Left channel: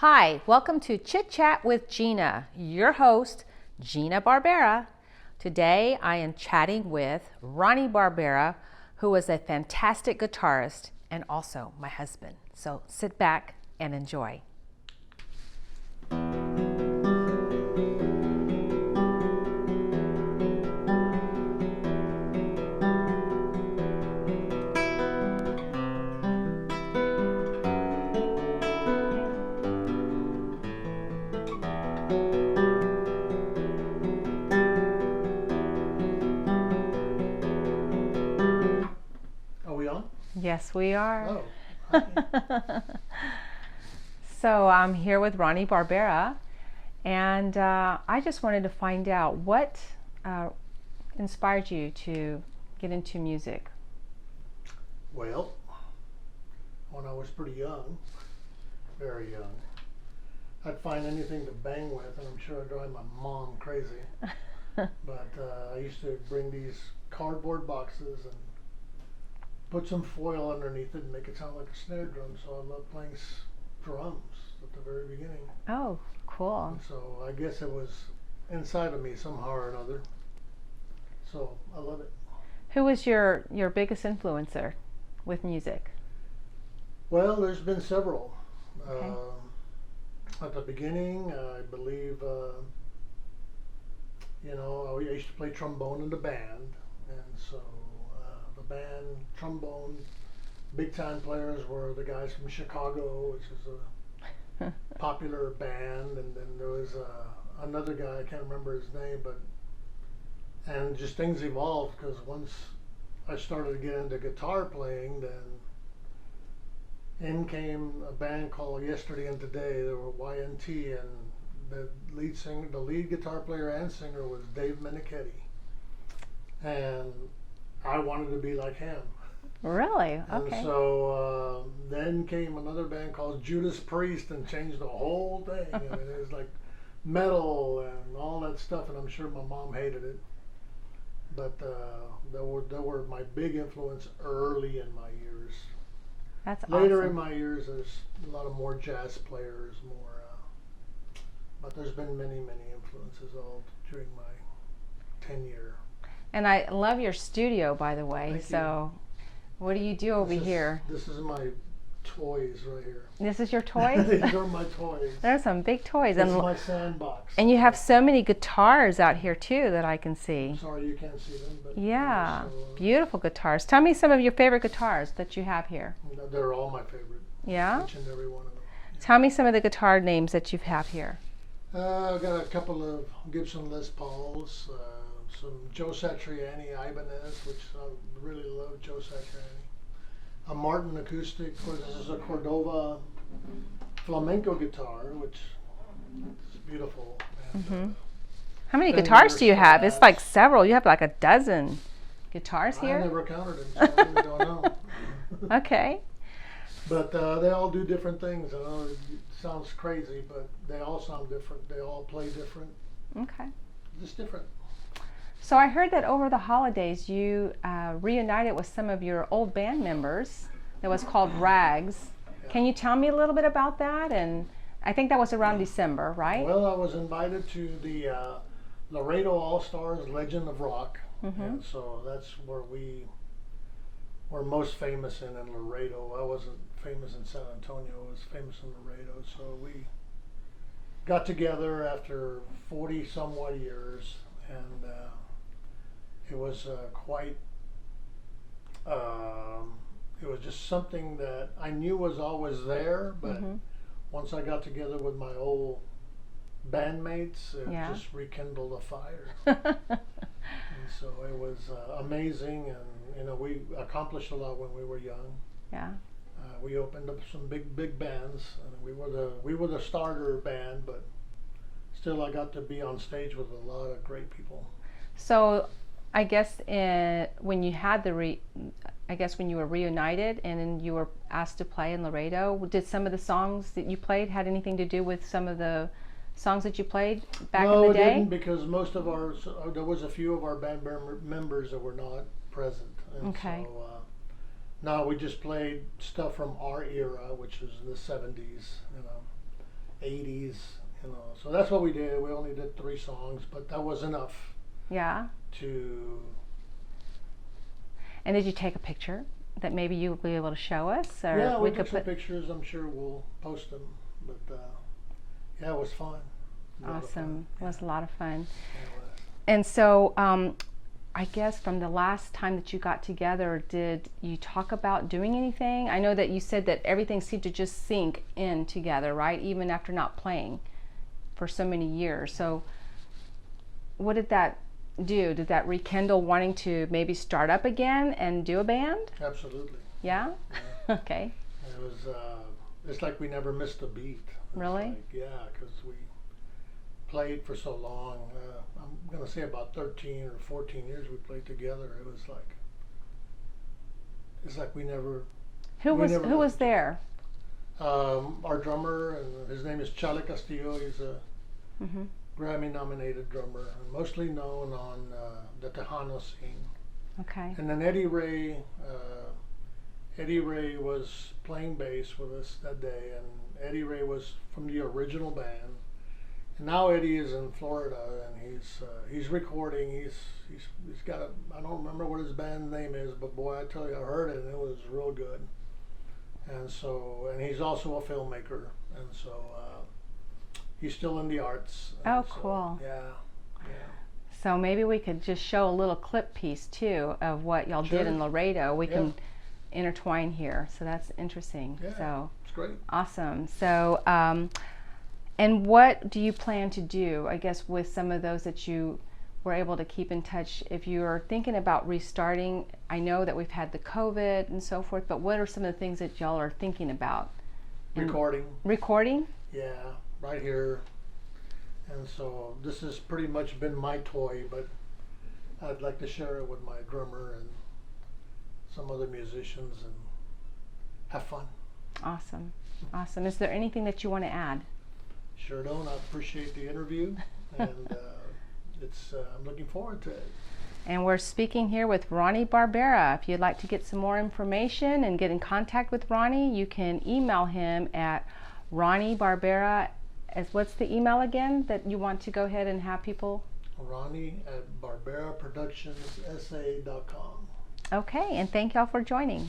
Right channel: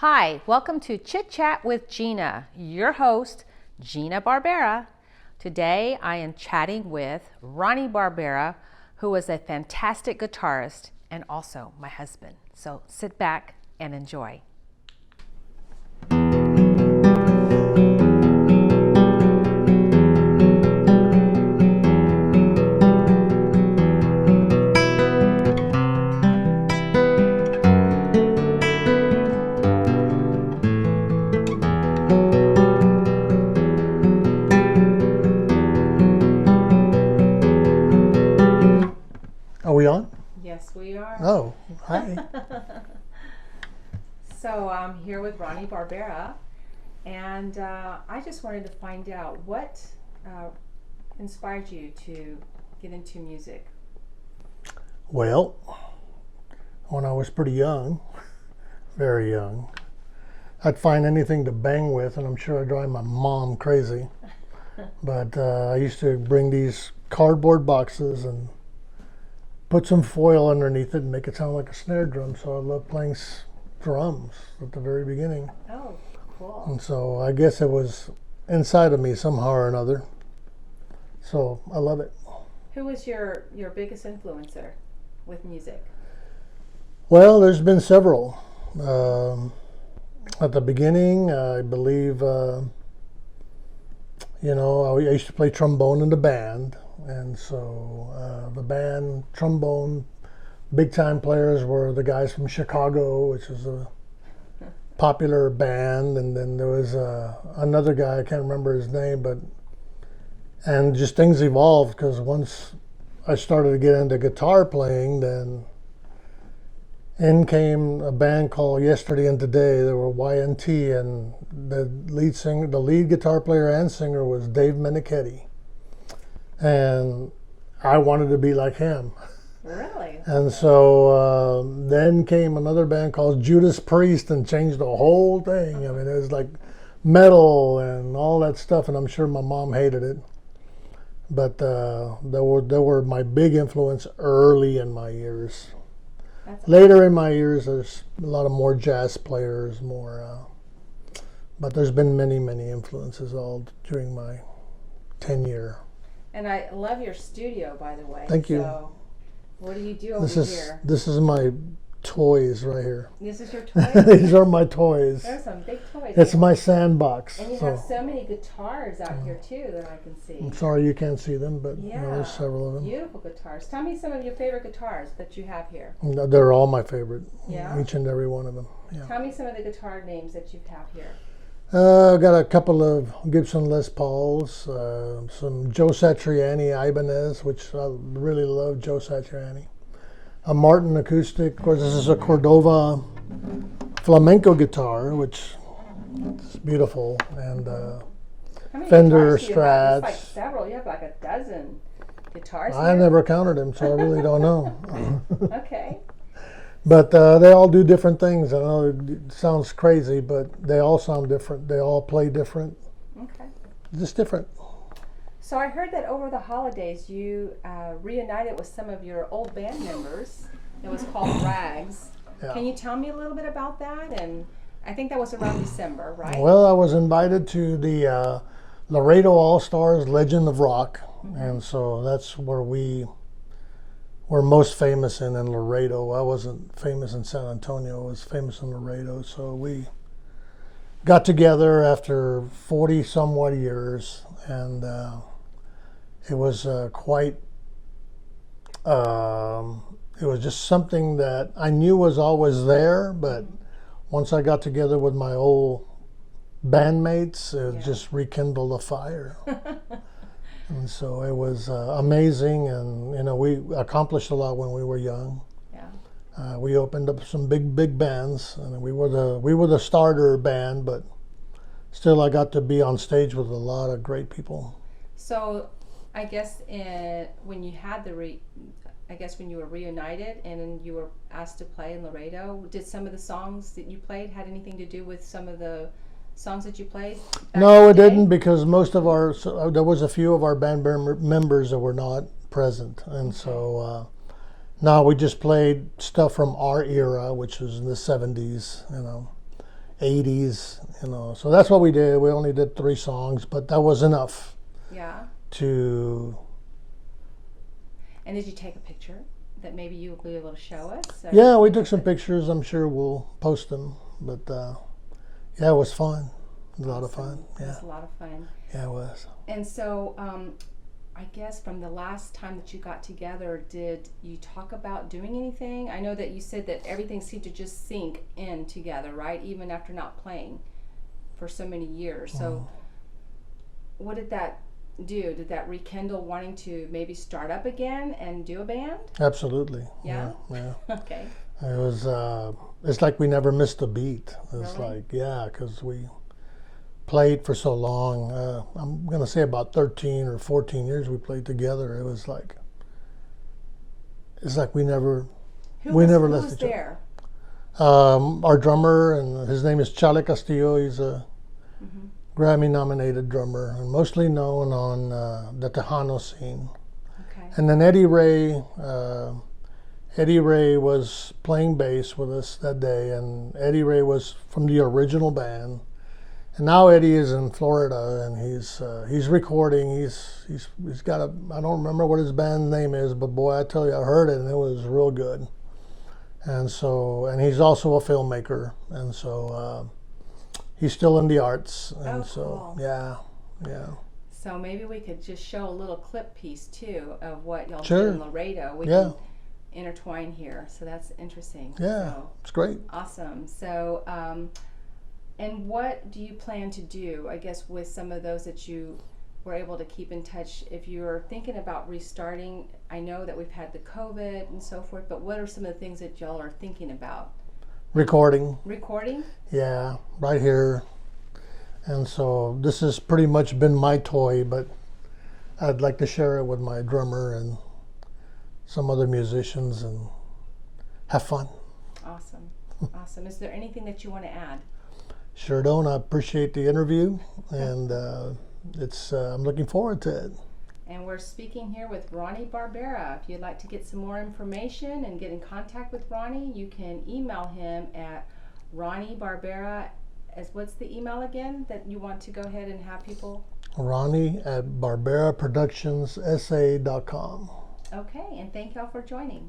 Hi, welcome to Chit Chat with Gina, your host, Gina Barbera. Today I am chatting with Ronnie Barbera, who is a fantastic guitarist and also my husband. So sit back and enjoy. Are we on? Yes, we are. Oh, hi. So I'm here with Ronnie Barbera, and I just wanted to find out what inspired you to get into music. Well, when I was pretty young, very young, I'd find anything to bang with, and I'm sure I'd drive my mom crazy. But I used to bring these cardboard boxes and put some foil underneath it and make it sound like a snare drum. So I loved playing drums at the very beginning. Oh, cool. And so I guess it was inside of me somehow or another. So I love it. Who was your biggest influencer with music? Well, there's been several. At the beginning, I believe, I used to play trombone in the band. And so the band, trombone, big time players were the guys from Chicago, which is a popular band. And then there was another guy, I can't remember his name, and just things evolved because once I started to get into guitar playing, then in came a band called Yesterday and Today. They were YNT, and the lead guitar player and singer was Dave Menichetti. And I wanted to be like him. Really? And so then came another band called Judas Priest and changed the whole thing. I mean, it was like metal and all that stuff, and I'm sure my mom hated it. But they were my big influence early in my years. Later in my years, there's a lot of more jazz players, but there's been many, many influences all during my tenure. And I love your studio, by the way. Thank you. So what do you do over here? This is my toys right here. This is your toy? These are my toys. There's some big toys. It's my sandbox. And you have so many guitars out here too that I can see. I'm sorry you can't see them, but yeah, there's several of them. Beautiful guitars. Tell me some of your favorite guitars that you have here. They're all my favorite. Yeah? Each and every one of them. Yeah. Tell me some of the guitar names that you have here. I've got a couple of Gibson Les Pauls, some Joe Satriani Ibanez, which I really love Joe Satriani. A Martin acoustic. Of course, this is a Cordova flamenco guitar, which is beautiful. And how many Fender guitars do you have? Strats. It's like several. You have like a dozen guitars here. I never counted them, so I really don't know. Okay. But they all do different things. I know it sounds crazy, but they all sound different. They all play different. Okay. Just different. So I heard that over the holidays you reunited with some of your old band members. It was called Ragzz. Yeah. Can you tell me a little bit about that? And I think that was around December, right? Well, I was invited to the Laredo All-Stars Legend of Rock. And so that's where we were most famous in Laredo. I wasn't famous in San Antonio. I was famous in Laredo. So we got together after 40 somewhat years, and it was it was just something that I knew was always there, but once I got together with my old bandmates, it just rekindled the fire. And so it was amazing, and we accomplished a lot when we were young. Yeah. We opened up some big bands, and we were the starter band, but still I got to be on stage with a lot of great people. So I guess when you had when you were reunited and then you were asked to play in Laredo, did some of the songs that you played had anything to do with some of the songs that you played back No, in the it day? didn't, because most of there was a few of our band members that were not present, and so no, we just played stuff from our era, which was in the 70s, 80s, you know. So that's what we did. We only did 3 songs, but that was enough Yeah. to. And did you take a picture that maybe you would be able to show us? Or Yeah, we could took some put- pictures. I'm sure we'll post them. But yeah, it was fun. It was a lot of fun. Awesome. It was a lot of fun. Yeah, it was. And so, I guess from the last time that you got together, did you talk about doing anything? I know that you said that everything seemed to just sink in together, right? Even after not playing for so many years. So, what did that do? Did that rekindle wanting to maybe start up again and do a band? Absolutely. Yeah? Yeah. Okay. It was. It's like we never missed a beat. It's Really? like, yeah, because we played for so long. I'm gonna say about 13 or 14 years we played together. It was like. It's like we never. Who We was, never who left was each other. there? Our drummer, and his name is Chale Castillo. He's a Mm-hmm. Grammy-nominated drummer, and mostly known on the Tejano scene. Okay. And then Eddie Ray. Eddie Ray was playing bass with us that day, and Eddie Ray was from the original band. And now Eddie is in Florida, and he's recording. He's got a, I don't remember what his band name is, but boy, I tell you, I heard it and it was real good. And so, and he's also a filmmaker, and so he's still in the arts. And Oh, so, cool. Yeah. So maybe we could just show a little clip piece too of what y'all Sure. did in Laredo. We Yeah. can intertwine here. So that's interesting. Yeah, So it's great. awesome. So, and what do you plan to do, I guess, with some of those that you were able to keep in touch? If you are thinking about restarting, I know that we've had the COVID and so forth, but what are some of the things that y'all are thinking about? Recording. Recording? Yeah, right here. And so this has pretty much been my toy, but I'd like to share it with my drummer and some other musicians and have fun. Awesome. Awesome. Is there anything that you want to add? Sure don't. I appreciate the interview, and I'm looking forward to it. And we're speaking here with Ronnie Barbera. If you'd like to get some more information and get in contact with Ronnie, you can email him at Ronnie Barbera. What's the email again that you want to go ahead and have people? Ronnie at BarberaProductionsSA.com. Okay, and thank y'all for joining.